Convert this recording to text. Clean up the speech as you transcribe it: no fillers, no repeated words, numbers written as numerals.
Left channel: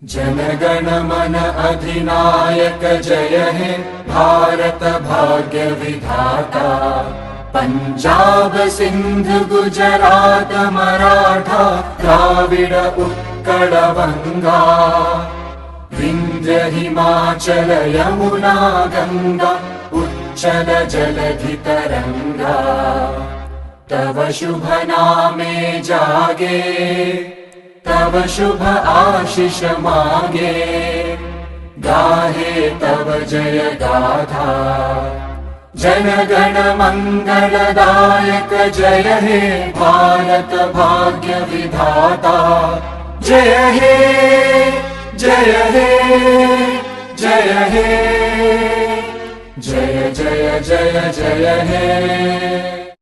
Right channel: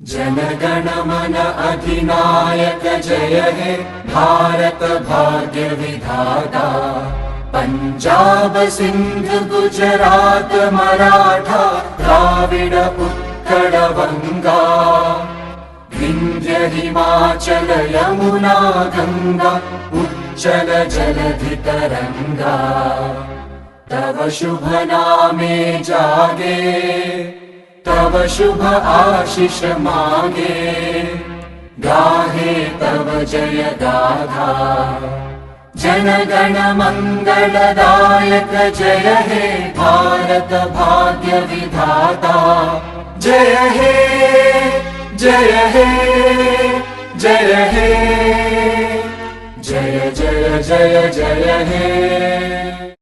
जनगण मन अधिनायक जय हे भारत भाग्य विधाता। पंजाब सिंध गुजरात मराठा द्राविड उत्कल बंगा। विंध्य हिमाचल यमुना गंगा उच्चल जलधि तरंगा। तव शुभ नामे जागे तव शुभ आशीष मांगे। गाहे तव जय गाथा जनगण मंगलदायक जय हे भारत भाग्य विधाता। जय हे जय हे जय हे जय जय जय जय हे।